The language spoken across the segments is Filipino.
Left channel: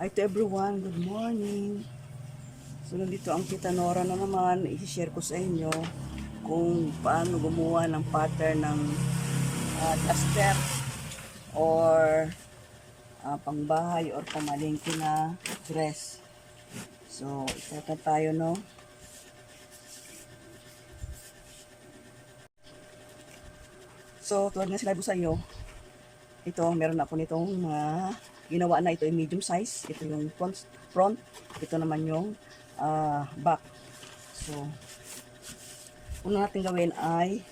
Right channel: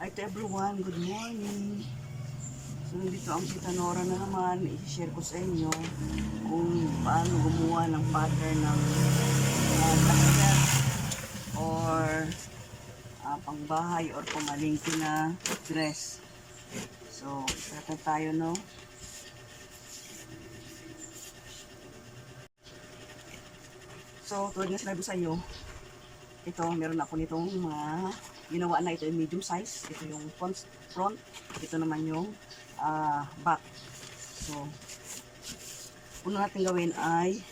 Hi to everyone, good morning. So nandito ang Tita Nora na naman, i-share ko sa inyo kung paano gumawa ng pattern ng duster or pangbahay or pamalingki na dress. So, start na tayo, no? So, tulad nga sinabi sa inyo, ito, meron ako nitong ginawa na. Ito yung medium size. Ito yung front. Ito naman yung back. So, una natin gawin ay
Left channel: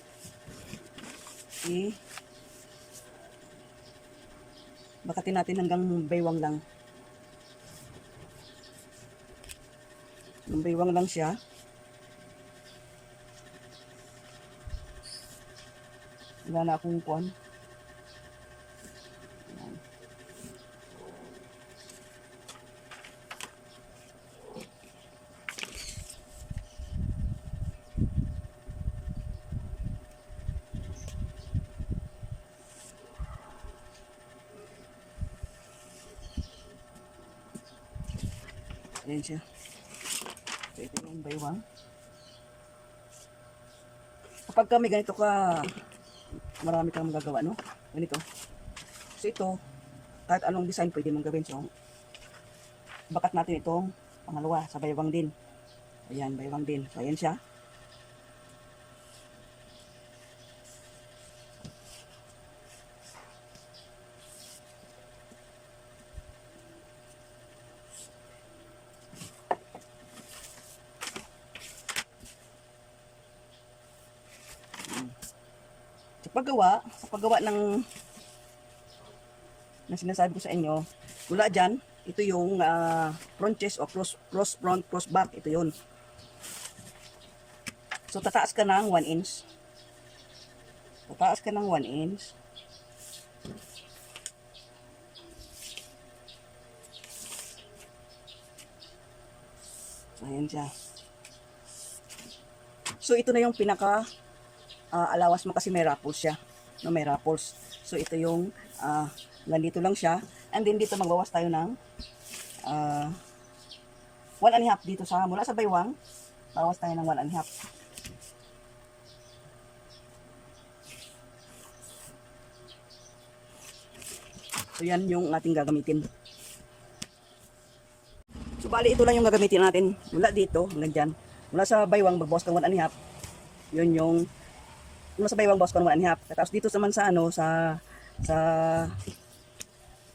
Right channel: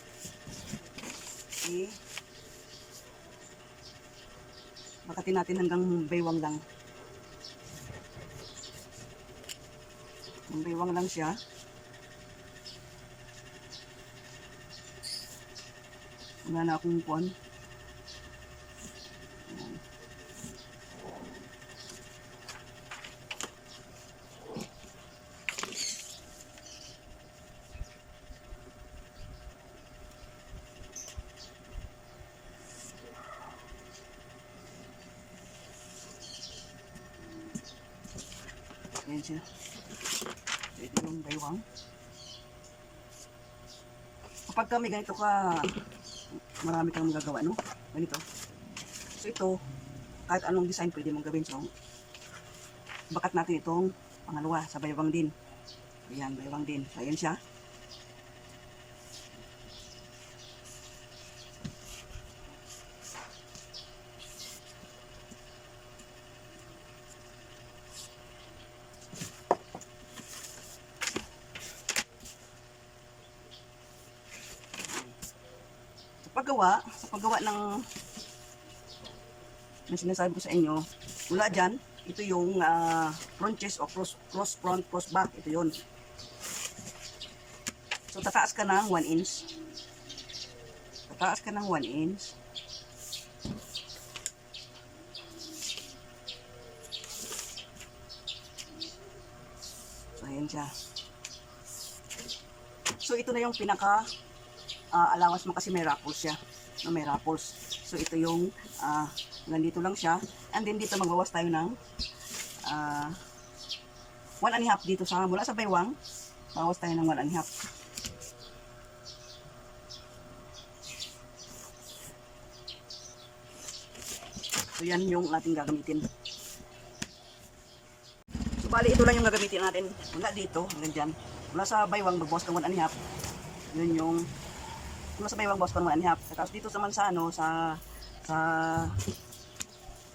bakatin natin hanggang baywang lang. Baywang lang siya. Wala na akong kuwan. Ayan siya. So, ito yung baywang. Kapag kami ganito marami kang magagawa, no? Ganito. So, ito, kahit anong design pwede mong gawin. So, bakat natin itong pangalawa sa baywang din. Ayan, baywang din. So, ayan siya. Sa paggawa ng sinasabi ko sa inyo, mula dyan, ito yung front chest o cross front, cross back, ito yun. So, tataas ka ng 1 inch. Tataas ka ng 1 inch. So, ayan siya. So, ito na yung pinaka alawas mo kasi may ruffles siya. No, may ruffles. So, ito yung nandito lang siya. And then, dito magbawas tayo ng 1.5 dito mula sa baywang. Bawas tayo ng 1.5. So, yan yung ating gagamitin. So, bali, ito lang yung gagamitin natin. Mula dito, hanggang dyan. Mula sa baywang, magbawas ka 1.5. Yun yung mula sa baywang, bawas ka 1.5. Tapos dito naman sa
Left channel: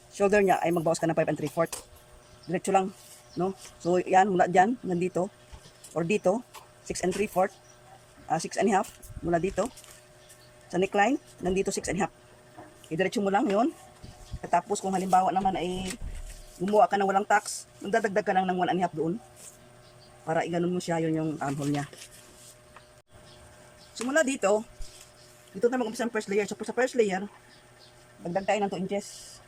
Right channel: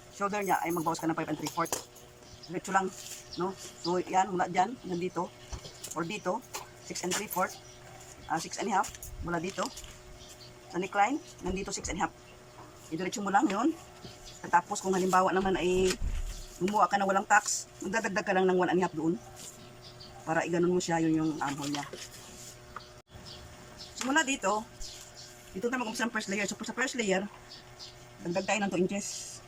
shoulder niya ay magbawas ka ng 5 3/4. Diretso lang, no? So, yan, mula dyan, nandito, or dito, 6 3/4, 6.5, mula dito, sa neckline, nandito 6.5. Idiretso mo lang yun. Tapos, kung halimbawa naman ay gumawa ka na walang tax, magdadagdag ka lang ng 1.5 doon. Para iganon mo siya, yun yung armhole niya. So, mula dito na mag-umpisa ang first layer. So, sa first layer, dagdag tayo ng 2 inches.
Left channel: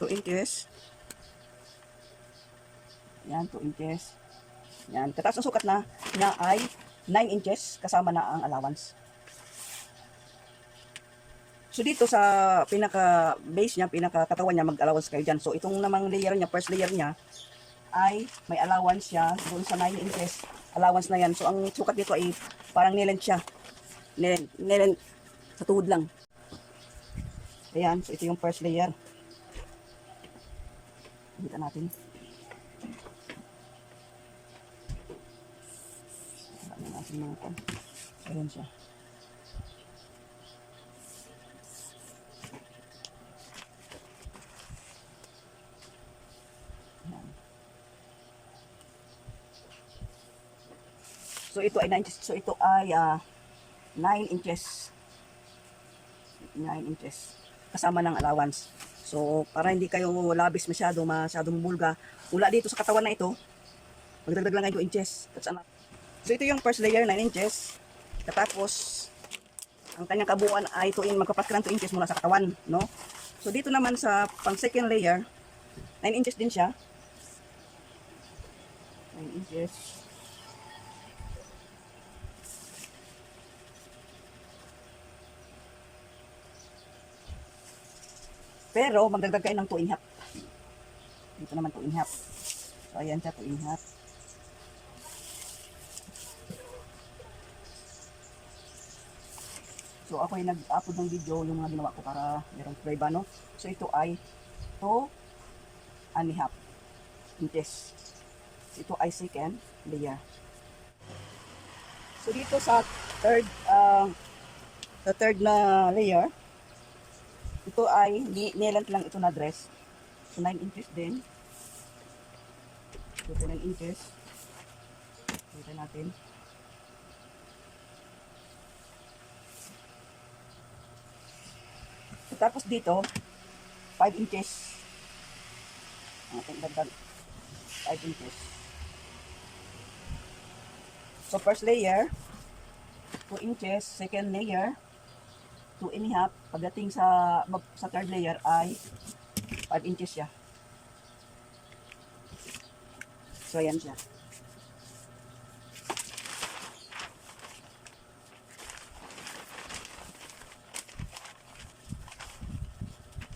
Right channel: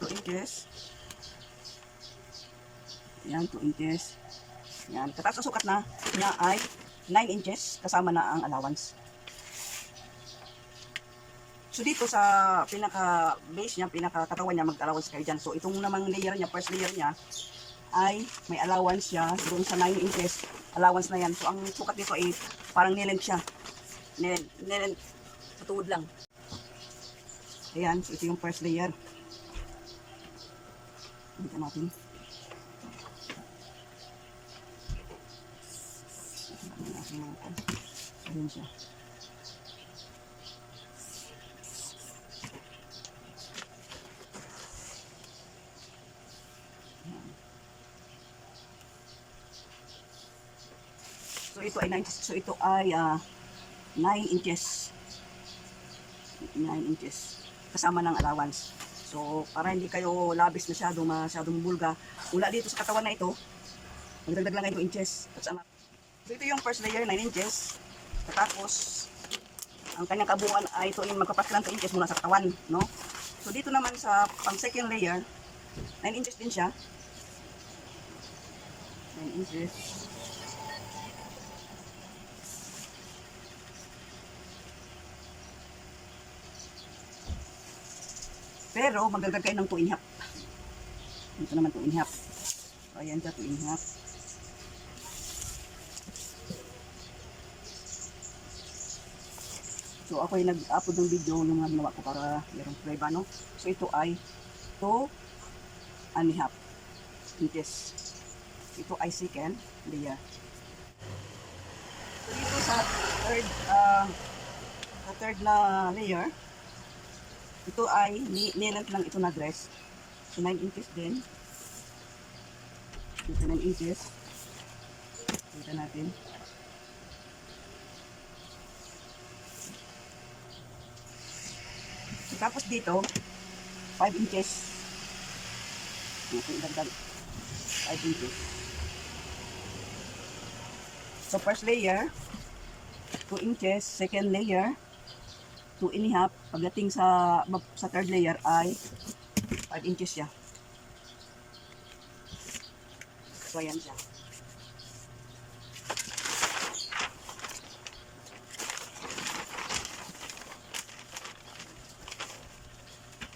2 inches. Yan, 2 inches. Yan. Kataas ang sukat na niya ay 9 inches kasama na ang allowance. So, dito sa pinaka-base niya, pinaka-katawan niya, mag-allowance kayo dyan. So, itong namang layer niya, first layer niya, ay may allowance siya doon sa 9 inches. Allowance na yan. So, ang sukat dito ay parang nilent siya. Nilent sa tuhod lang. Ayan. So, ito yung first layer. Dito natin. Ayan siya. So, ito ay 9 inches. So, ito ay 9 inches. 9 inches. Kasama ng allowance. So, para hindi kayo labis masyadong bulga, mula dito sa katawan na ito, magdagdag lang kayo 2 inches. So, ito yung first layer, 9 inches. Tapos, ang kanyang kabuuan ay magpapas lang 2 inches mula sa katawan, no? So, dito naman sa pang second layer, 9 inches din siya. 9 inches. Pero magdagdag kayo ng 2 and a half. Dito naman 2 and a half. So ayan siya, 2 and a half. So ako ay nag-upload ng video yung mga ginawa ko para meron prueba, no? So ito ay 2 and a half inches. Ito ay second layer. So dito sa third na layer, ito ay nilant lang ito na dress. So 9 inches din. Dito 9 inches. Kita natin. So, tapos dito 5 inches. Dagdag 5 inches. So first layer 2 inches, second layer 2 and a half. Pagdating sa third layer ay 5 inches siya. So ayan siya.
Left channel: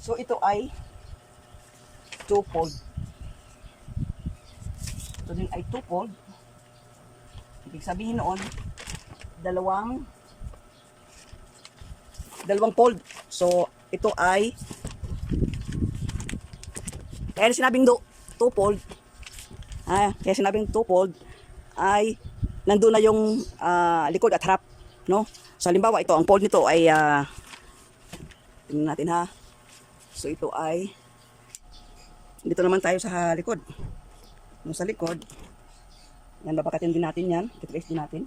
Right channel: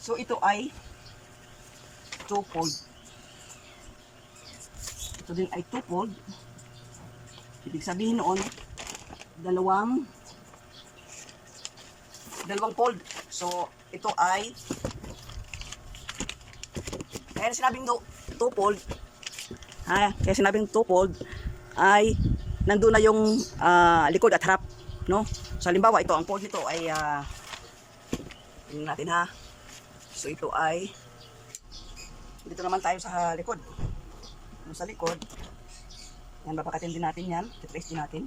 So ito ay 2-fold. Ito din ay 2-fold. Ibig sabihin noon, dalawang fold. So ito ay kaya sinabing 2-fold. Kaya sinabing 2-fold ay nandoon na yung likod at harap, no? So halimbawa ito ang fold nito ay tingnan natin ha. So ito ay dito naman tayo sa likod. No, sa likod. Yan, babakatin din natin yan. I-trace din natin.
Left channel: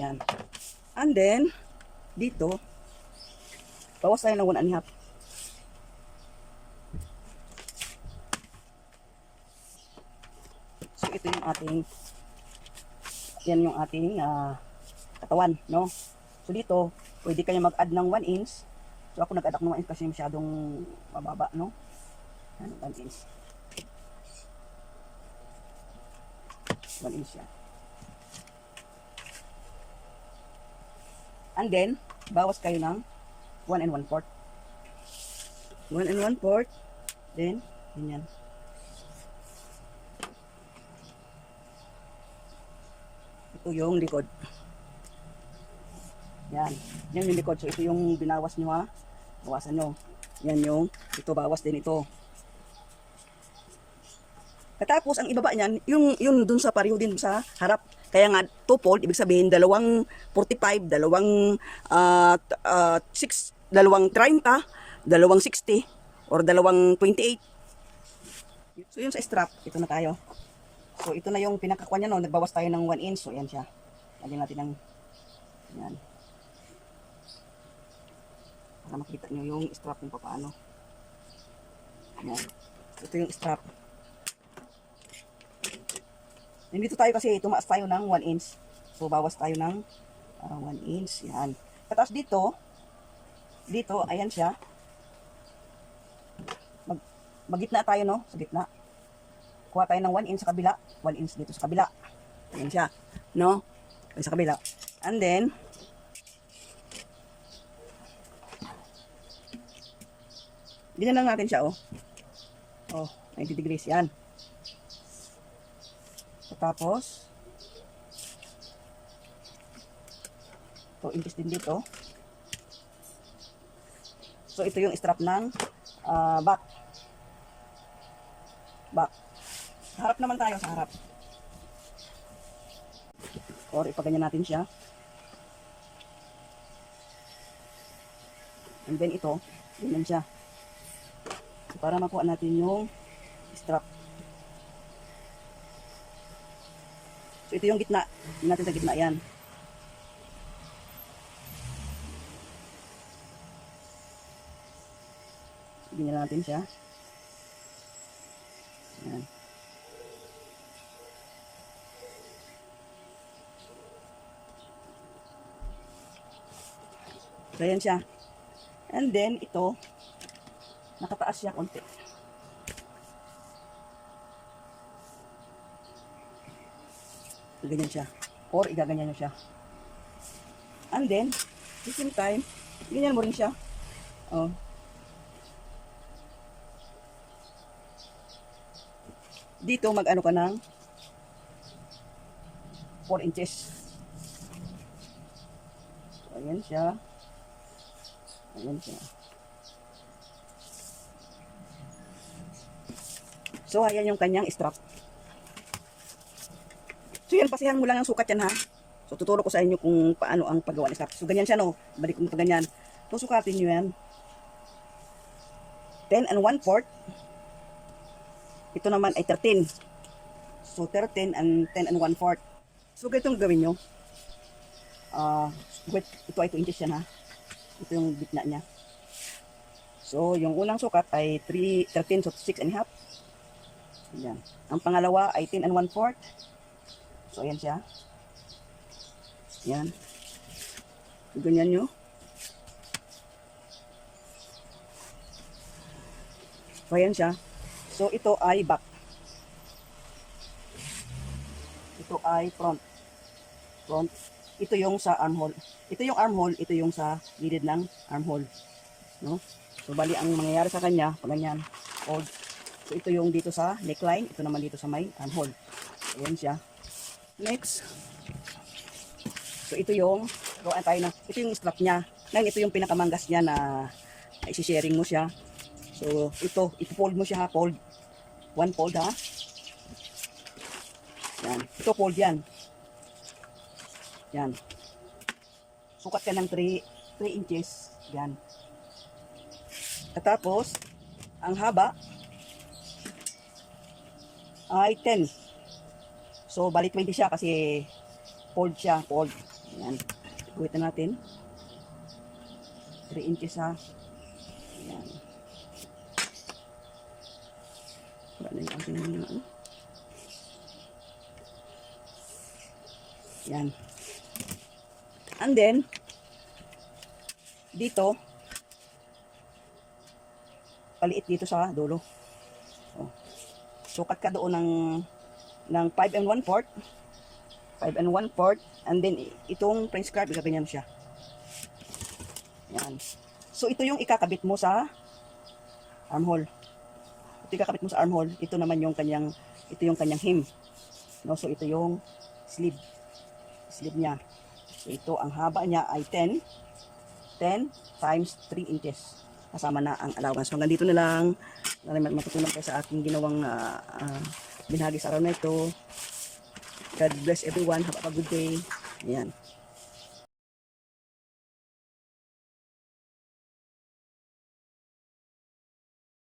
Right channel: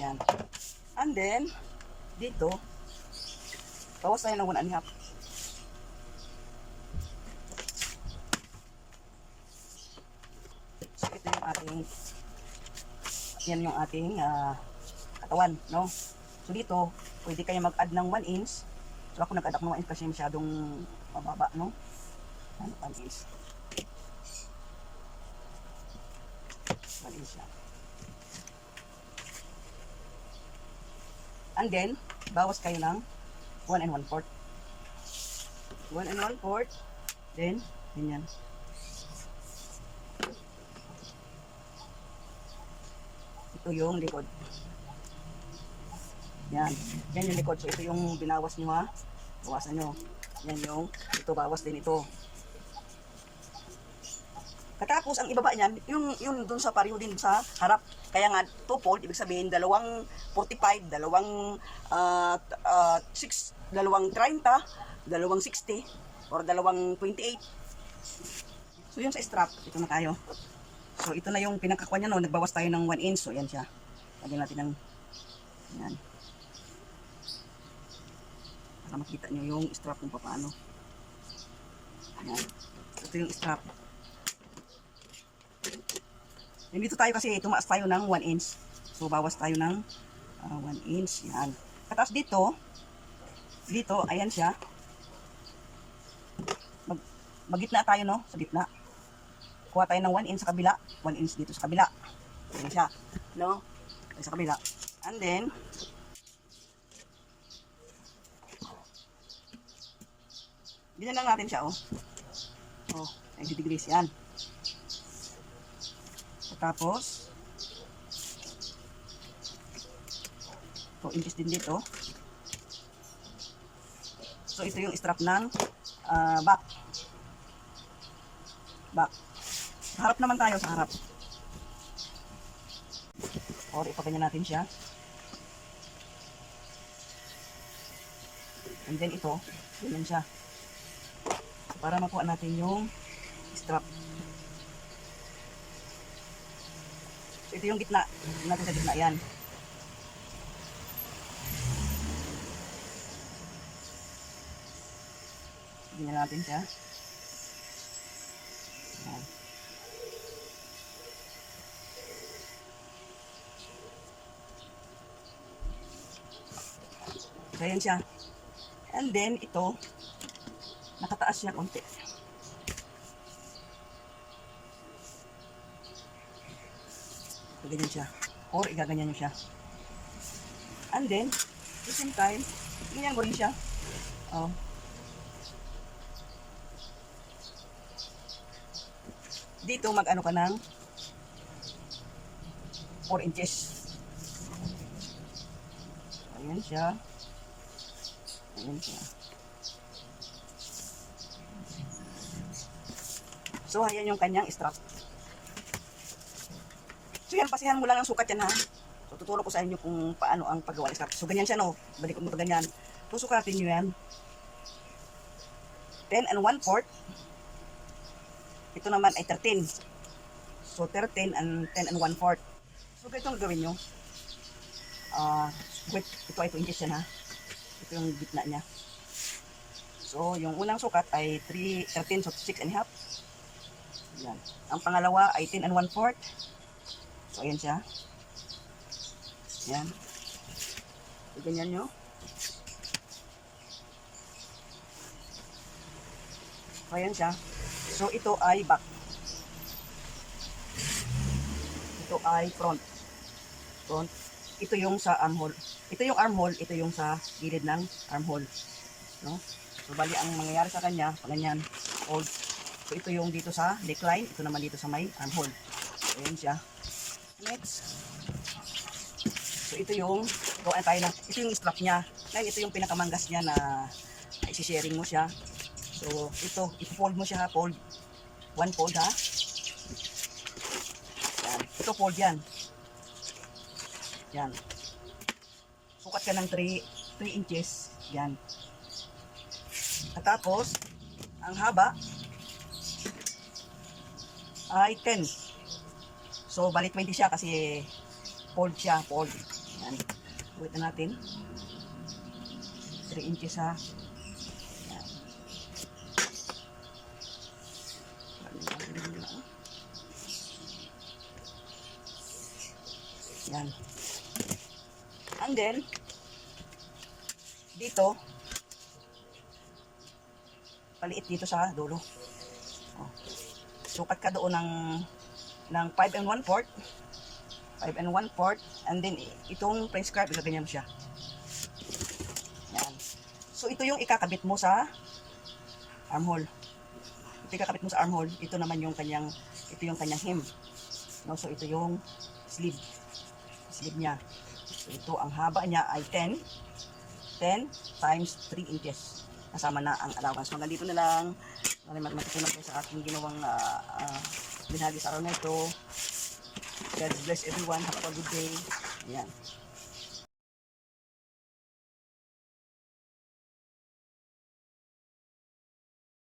Ayan. And then, dito, bawas tayo ng 1 and a half. So, ito yung ating, yan yung ating katawan, no? So, dito, pwede kayo mag-add ng 1 inch. So, ako nag-add ako ng 1 inch kasi masyadong mababa, no? 1 inch. 1 inch yan. And then, bawas kayo ng 1 and 1/4. 1 and 1/4. Then, ganyan. Ito yung likod. Yan. Yan yung likod. So, ito yung binawas nyo ha. Bawasan nyo. Yan yung, ito bawas din ito. Katapos, ang ibaba niyan, yung dun sa pareho din sa harap. Kaya nga, 2-fold, ibig sabihin, dalawang 45, dalawang 30, dalawang 60, or dalawang 28. So, yun sa strap, ito na tayo. So, ito na yung pinakakuha niya, no? Nagbawas tayo ng 1 inch. So, yan siya. Lagyan natin ng, yan. Para makita nyo yung strap kung paano. Yan. Ito yung strap. Nandito tayo kasi tumaas tayo ng 1 inch. So, bawas tayo ng 1 inch. Yan. Tapos dito, ayan siya. Magitna tayo, no? Sa gitna. Kuha tayo ng 1 inch sa kabila. 1 inch dito sa kabila. Ayan siya. No? Ayan sa kabila. And then, ganyan lang natin siya, oh. Oh, 90 degrees. Yan. Tapos, 2 inches din dito. So, ito yung strap ng back. Harap naman tayo sa harap. Or ipaganyan natin siya. And then ito, ganyan siya. So, para makuha natin yung strap. So, ito yung gitna. Ito natin sa gitna yan. Ganyan natin siya. Yan. So, ayan siya. And then, ito, nakataas siya konti. So, ganyan siya. Or, igaganyan nyo siya. And then, at the same time, ganyan mo rin siya. Oh. Dito, mag-ano ka ng 4 inches. So, ayan siya. Ayan siya. So, ayan yung kanyang strap. So, yan, pasihan mo lang ang sukat yan, ha. So, tuturo ko sa inyo kung paano ang paggawa ng strap. So, ganyan siya, no. Balik mo pa ganyan. So, sukatin nyo yan. 10 and 1/4. Ito naman ay 13. So, 13 and 10 and 1/4. So, ganito ang gawin nyo. Wait, ito ay 2 inches yan, ha. Ito yung gitna niya. So, yung unang sukat ay 13, so 6 and a half. Ayan. Ang pangalawa ay 10 and 1/4. So, ayan siya. Ayan. So, ganyan nyo. So, ayan siya. So, ito ay back. Ito ay front. Front. Ito yung sa armhole. Ito yung armhole, ito yung sa gilid ng armhole. No? So, bali ang mangyayari sa kanya, pag ganyan, fold. So, ito yung dito sa neckline, ito naman dito sa may armhole. So, ayan siya. Next. So, ito yung, gawaan tayo na, ito yung strap niya. Ngayon, ito yung pinakamanggas niya na isi-sharing mo siya. So, ito, i-fold mo siya ha, fold. One fold ha. Yan. Ito fold yan. Yan. Sukat ka ng 3 inches. Yan. At tapos, ang haba ay 10. So, bali 20 siya kasi fold siya, fold. Yan. Uwit na natin. 3 inches ha. Yan. Yan. And then, dito, paliit dito sa dulo. Oh. Sukat ka doon ng 5 and 1/4. 5 and 1/4. And then, itong French scarf, ganyan siya. Yan. So, ito yung ikakabit mo sa armhole. Ito ikakabit mo sa armhole. Ito naman yung kanyang, ito yung kanyang hem. No? So, ito yung sleeve. Sleeve niya. So, ito, ang haba niya ay 10 times 3 inches. Kasama na ang allowance. So, hanggang dito na lang. Matutunan kayo sa aking ginawang binahagi sa araw na ito. God bless everyone. Have a good day. Ayan.